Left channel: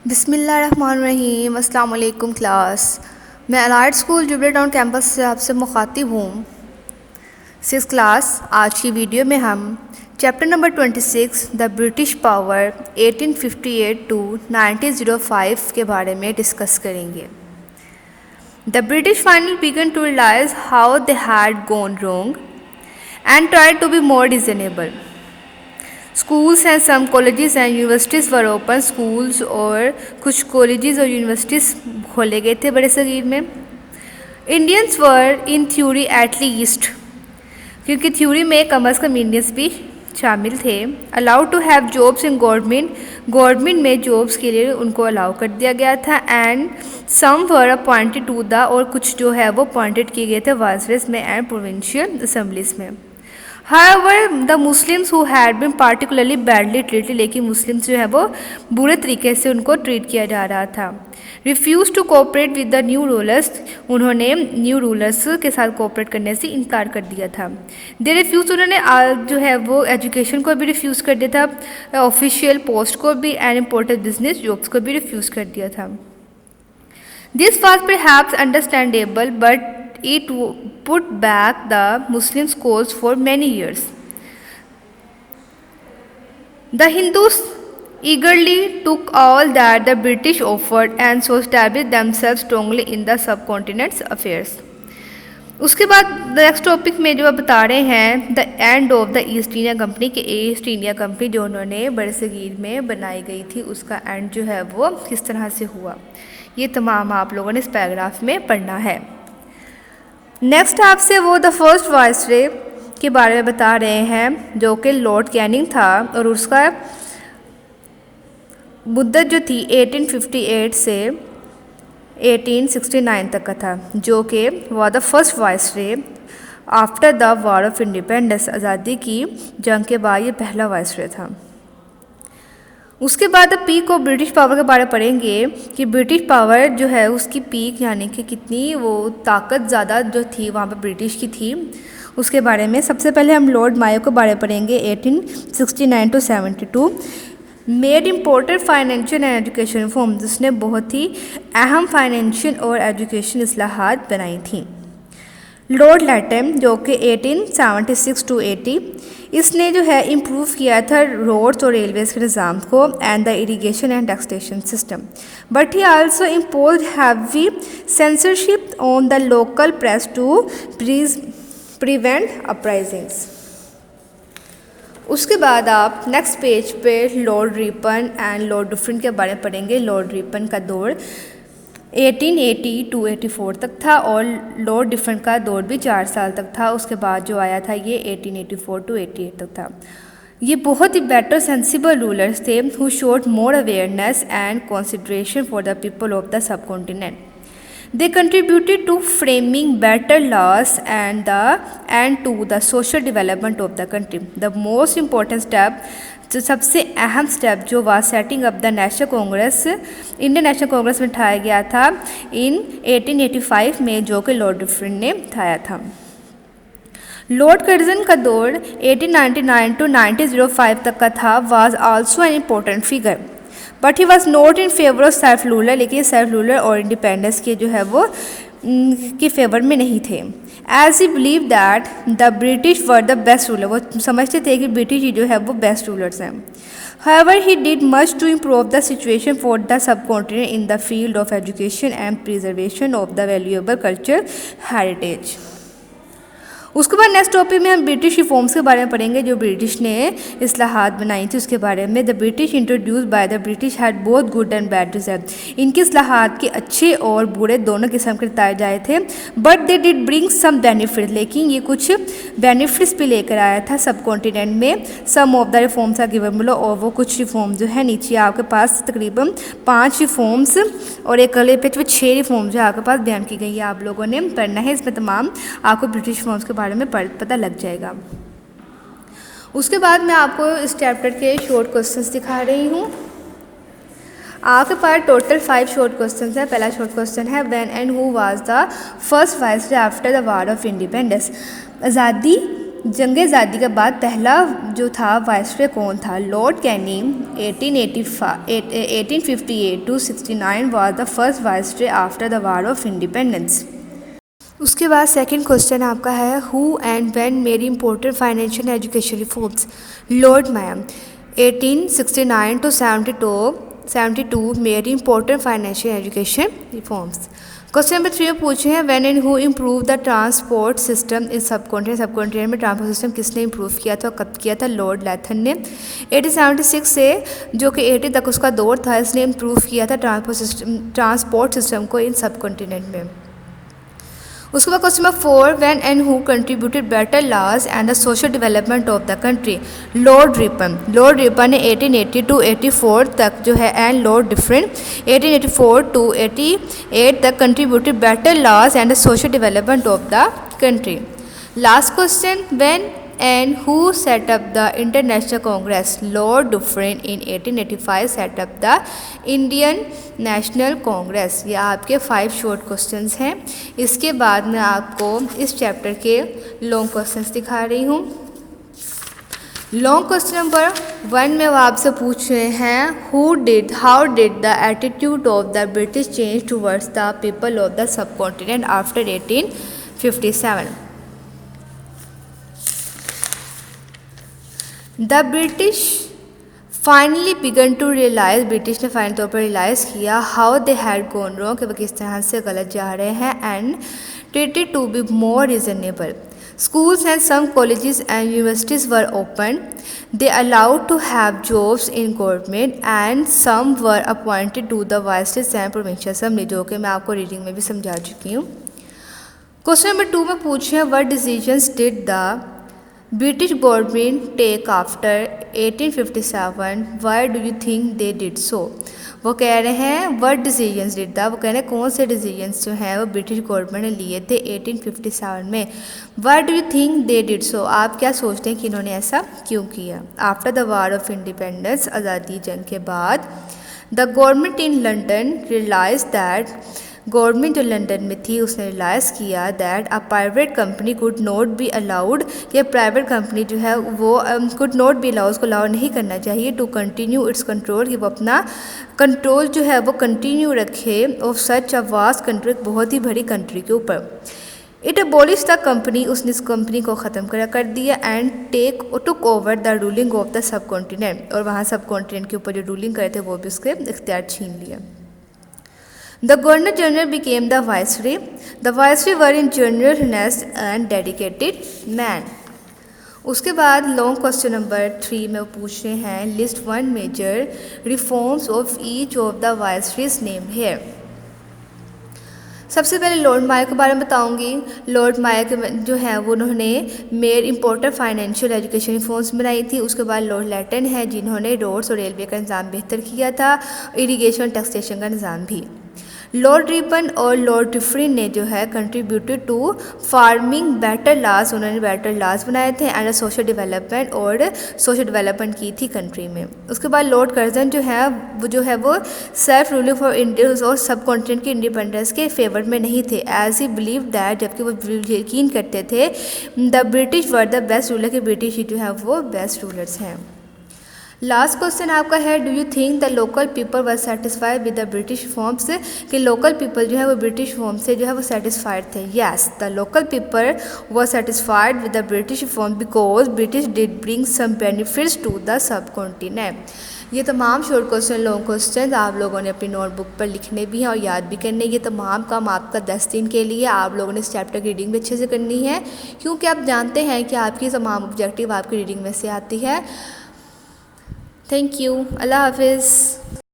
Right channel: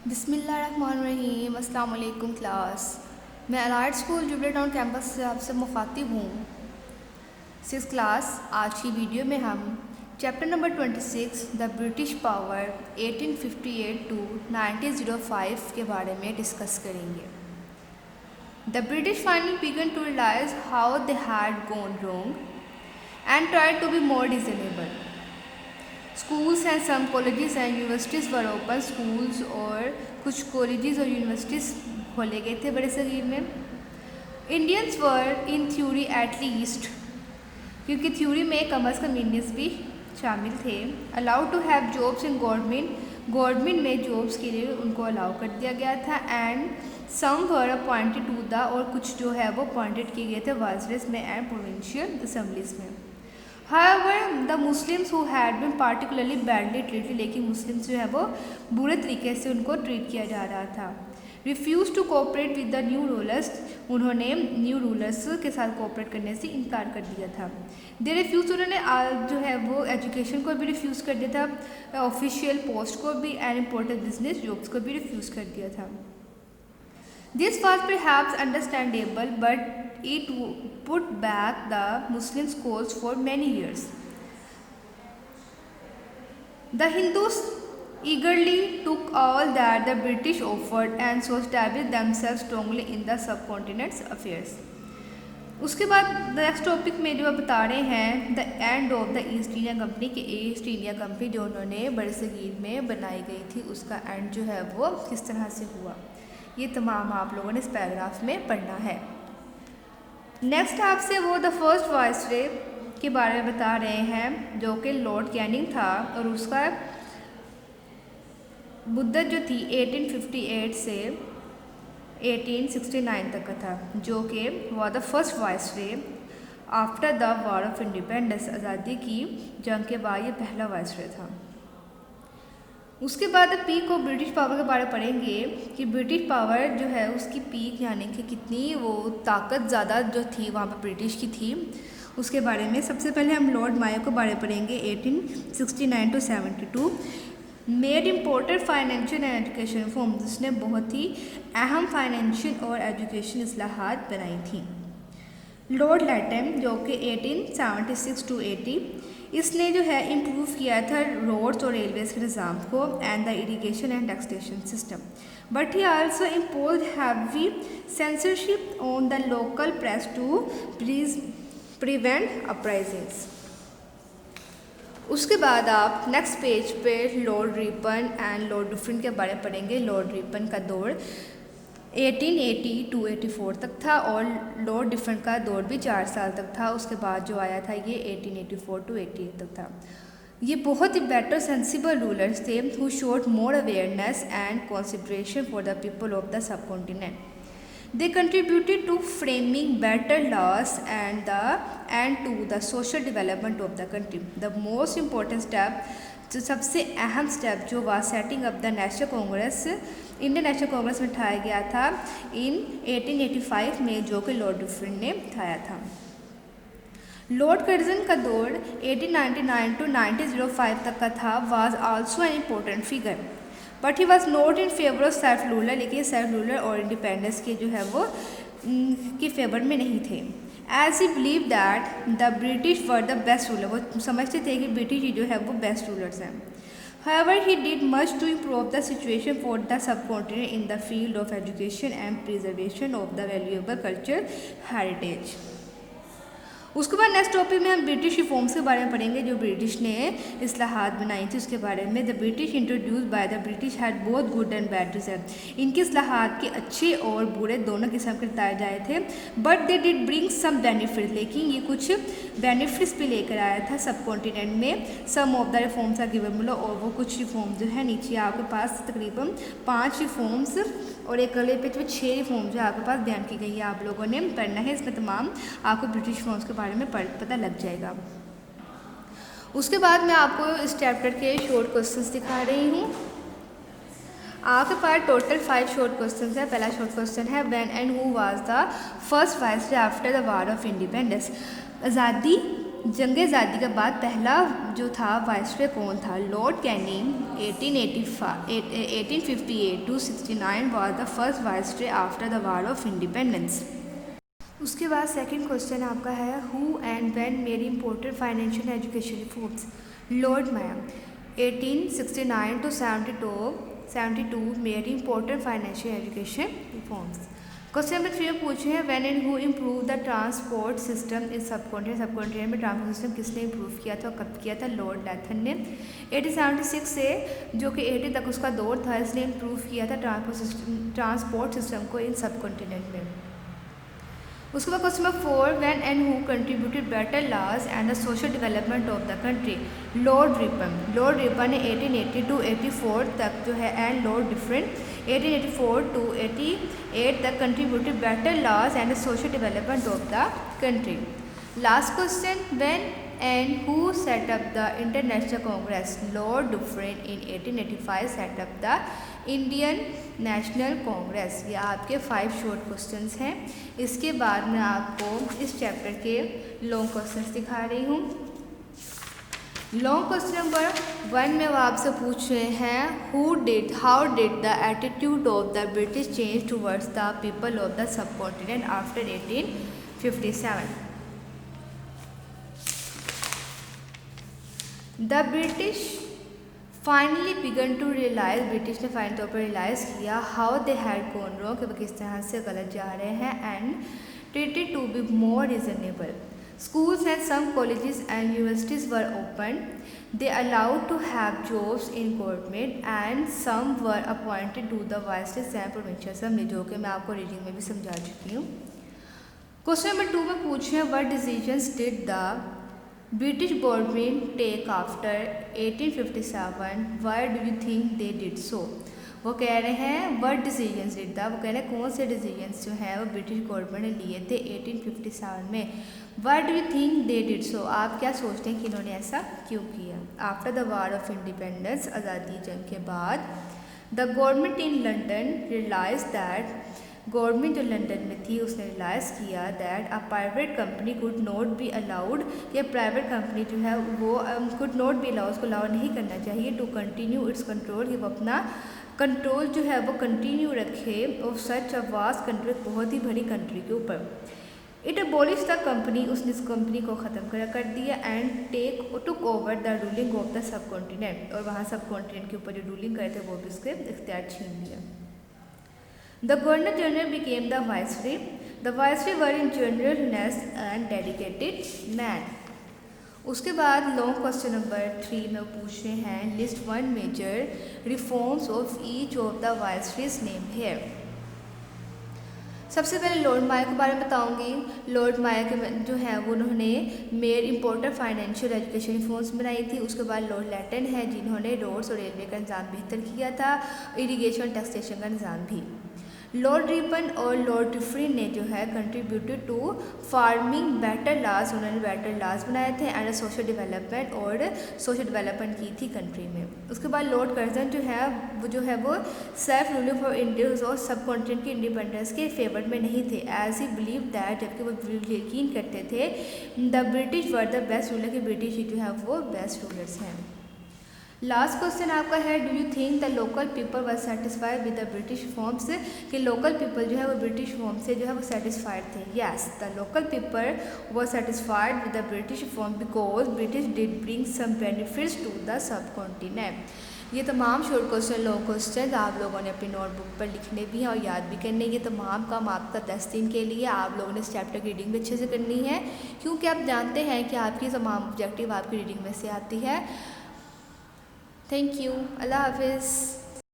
बिस्मिल्लाहिर्रहमानिर्रहीम। अस्सलाम वालेकुम क्लास। मैं allied school jubilee town campus से आपसे मुखातिब हूँ। 6th class. आज की वीडियो में हम chapter number 26 the British power 1858 to 1905 के बारे में डिस्कस करेंगे। The British finally began to realise how they had gone wrong and try to be more reasonable. Schools and some colleges and universities were open. Schools और कुछ colleges और universities खोले गए थे बड़े सगीर में। Indians were in theory at least, क्योंकि थ्योरी में कम अज़ कम इंडियंस भी शामिल थे। Allowed to have jobs in government में जॉब्स के लिए उनको अलाउ कर दिया गया था। And some were appointed to the, और कुछ जो है वो अपॉइंटेड किए गए थे वाइसरेस में एंड प्रोविंशियल असेंबलीज में। However, the Muslims who had been particularly badly treated, लेकिन मुस्लिम्स जो है वो बुरे तरीके से उनको ट्रीट किया जा रहा था। Refused to cooperate with the new rulers, उन्होंने न्यू रूलर्स के साथ कोऑपरेट करने से इनकार कर दिया था। They refused, उन्होंने जो है वो एजुकेशन को भी रिफ्यूज़ कर दिया था, ऑफिशियल पोस्ट को भी एंड इम्पोर्टेंट बिजनेस जॉब्स को भी रिफ्यूज़ कर दिया था। This was perhaps understandable, but it put back the Muslims' cause for many years. The Hindus eagerly took all that the British offered and so established themselves strongly in the subcontinent's affairs. उसके बाद next topic में जो आप बता रहे हैं the end of the east India company के east India company जो उन्होंने बड़े सगीर में बनाई गई थी उसका एंड जो है वो किस तरह से हुआ, ये तमाम आप लोगों ने इस पैराग्राफ में पढ़ना है। नेक्स्ट आपसे वो द फर्स्ट वाइसरे के बारे में बता रहे हैं जो कि लॉर्ड कैनिंग था और उसका मुद्दत जो थी 1858 से 1869 तक का था, जो कि वह the first viceroy after the war of independence, आज़ादी की जंग के बाद ये पहला वाइसरे था। उसके बाद पीक ऑफ ब्रिटिश पावर के बारे में पढ़ेंगे कि ब्रिटिश पावर जो है उसकी पीक यानी कि कितनी वो ताकत ज़्यादा जो थी वहाँ पर ब्रिटिश की थी, उसके बारे में सबसे पहले हम लॉर्ड मायो के बारे में पढ़ेंगे। 1869 to 72 made important financial and education reform, जिसने बहुत ही अहम फाइनेंशियल और एजुकेशन इस्लाहात बनाई थी। लॉर्ड लैटम जो कि 1876 टू 80, इसने जो है इम्प्रूव किया था रोड्स और रेलवेज़ के निज़ाम को and the irrigation and taxation system, but he also impose heavy censorship on the local press to prevent uprisings. उसके बाद आप नेक्स्ट पेज पे Lord Ripon and Lord Dufferin के बारे में पढ़ेंगे। लॉर्ड रिपन का दौर 1880 टू 84 तक था और लॉर्ड डिफरेन का दौर भी 4 साल तक था। उसके बाद जो आया था ये 1884 टू 88 तक था। ये बहुत ही बेटर सेंसिबल रूलर्स थे who showed more awareness and consideration for the people of the सब continent. They contributed to framing better laws and to the social development of the country. The most important step, जो सबसे अहम step जो वह setting up the national Congress, Indian national Congress में उठाया गया था इन 1885 में, जो कि लॉर्ड डुफरिन ने उठाया था। लॉर्ड कर्जन का दौर 1899 टू 1905 तक का था, was also an important figure, but he was not in favour of self ruler, लेकिन सेल्फ रूलर और इंडिपेंडेंस के जो है वो के फेवर में नहीं थे। As he believe that the British were the best ruler, वो समझते थे कि ब्रिटिश ही जो है वो बेस्ट रूलर्स हैं। However, he did much to improve the situation for the subcontinent in the field of education and preservation of the valuable cultural heritage. उसके बाद नेक्स्ट टॉपिक में हम ब्रिटिश रिफॉर्म्स के बारे में पढ़ेंगे जो ब्रिटिश ने इस्लाहात बनाई थी उसके बारे में। The British introduce by the British had both good and bad result, इनके इस्लाहात के अच्छे और बुरे दोनों किस्म के बताए जाए थे। But they did bring some benefit, लेकिन ये कुछ बेनिफिट्स भी लेकर आया था सब कॉन्टिनेंट में। Some of the reforms are given below, और वो कुछ रिफॉर्म जो है नीचे आपके पास तकरीबन 5 रिफॉर्म्स और एक अगले पेज पे 6 रिफॉर्म्स जो आपके पास बयान की गई है, आप लोगों ने पढ़ना है। इसमें तमाम आपको ब्रिटिश रिफॉर्म्स के बारे में पता लग जाएगा। उसके बाद मैं आपको इस चैप्टर के शॉर्ट क्वेश्चंस दिखा रही हूँ। आपके पास टोटल 5 शॉर्ट क्वेश्चंस है। पहला शॉर्ट क्वेश्चन है when and who was the first viceroy after the war of independence, आज़ादी जंग आज़ादी के बाद पहला जो था वाइसरॉय कौन था? Lord Canning 1858 to 69 was the first viceroy after the war of independence। उसके बाद सेकंड क्वेश्चन आपका है who and when made important financial education reforms? Lord ma'am 1869 to 72 made important financial education reforms. Question number 3 में पूछे हैं when and who improve the transport system in सब continent में transport system किसने improve किया था और कब किया था? लॉर्ड लैथन ने 1876 से जो कि 80 तक उसका दौर था, इसने इम्प्रूव किया था ट्रांसपोर्ट सिस्टम को इन सब कॉन्टिनेंट में। उसके बाद question number 4 when and who contributed better laws and the social development of the country? Lord Ripon ने 1880 to 84 तक जो है एंड लॉर्ड डिफरेंट 1884 to 88 तक contributed better laws and the social development of the country. Last question when and who set up the International Congress? Lord Dufferin in 1885 set up the Indian National Congress। ये आपके 5 short questions हैं। इसके बाद मैं आपको इस chapter के long questions दिखा रही हूँ। लॉन्ग क्वेश्चन नंबर 1 में वो आपसे पूछ रहे हैं how did the attitude of the British change towards the people of the subcontinent after 1857? The British finally began to realise, British ने फाइनल तौर पर रियलाइज़ किया how they had gone wrong, कि वो किस तरह से गलत जा रहे हैं, and treated to be more reasonable. Schools and some colleges and universities were opened. They allowed to have jobs in government and some were appointed to the viceroys and provincial assembly, जो कि मैं आपको reading में भी समझा चुकी हूँ। Question number 2 में पूछे what decisions did the British government take after 1857? Why do you think they did so? वो कह रहे हैं what decisions did the, वो कह रहे हैं कौन से decisions जो हैं वो ब्रिटिश गवर्नमेंट ने लिए थे 1857 में। Why do you think they did so? आप क्या सोचते हैं कि इन्होंने ऐसा क्यों किया? After the war of independence, आज़ादी जंग के बाद the government in London realized that, government जो लंदन में थी उसने रियलाइज़ किया that a private company could not be allowed, कि प्राइवेट कंपनी जो है वो कुड नॉट बी अलाउड, उसको अलाउ नहीं करना चाहिए टू कंटिन्यू इट्स कंट्रोल, कि वो अपना कंट्रोल जो है वो कंटिन्यू रखे of such a vast country, बहुत ही बड़ी कंट्री के ऊपर। इट अबॉलिश द कंपनी, उसने इस कंपनी को ख़त्म कर दिया, and took over the ruling of the सब कॉन्टिनेंट, और वहाँ सब कॉन्टिनेंट के ऊपर जो रूलिंग करे थे वो भी उसके इख्तियार छीन लिया। The Governor General became the Viceroy. The Viceroy were in general honest and dedicated man. उसके बाद लॉन्ग क्वेश्चन नंबर 3 में पूछ रहे हैं list 1 major reforms of each of the viceroys name here. सबसे पहले लॉर्ड मायर के बारे में बताऊंगी। लॉर्ड मायर के जो है वो उन्होंने made important financial education reforms बनाई थी। उसके बाद लॉर्ड लैटन है जिन्होंने रोड्स और रेलवे का निज़ाम बेहतर किया था, इरिगेशन टैक्सेशन का निज़ाम भी। लॉर्ड रिपन और लॉर्ड डिफरिन ने जो है contributed to farming better laws, उन्होंने बेटर लॉज बनाए थे, एंड सोशल डेवलपमेंट, और सोशल डेवलपमेंट की थी कंट्री में। उसके बाद लॉर्ड कर्जन जो है वो सेल्फ रूलिंग फॉर इंडिया और सब कॉन्टिनेंट की इंडिपेंडेंस के फेवर में नहीं थे, एज ही बिलीव दैट, जबकि वो यकीन करते थे the British were the best ruler, के ब्रिटिश ही जो है वो बेस्ट रूलर्स हैं। लास्ट क्वेश्चन आपका है do you think the local people were satisfied with the British forms, कि लोकल पीपल जो है वो ब्रिटिश फॉर्म से जो है वो सेटिस्फाइड थे। Yes, the local people were satisfied with the British form because British did bring some benefits to the subcontinent. ये तमाम शॉर्ट क्वेश्चन लॉन्ग क्वेश्चन आप लोगों ने अपनी नोटबुक पर लिखने भी हैं और याद भी करने। ये तमाम काम आपका 10 दिन के लिए आप लोगों ने इस चैप्टर की रीडिंग भी अच्छे से करनी है, क्योंकि आप जानते हैं कि आपकी तमाम ऑब्जेक्टिव आपकी रीडिंग में से आती है। थैंक यू, अल्लाह हाफिज़।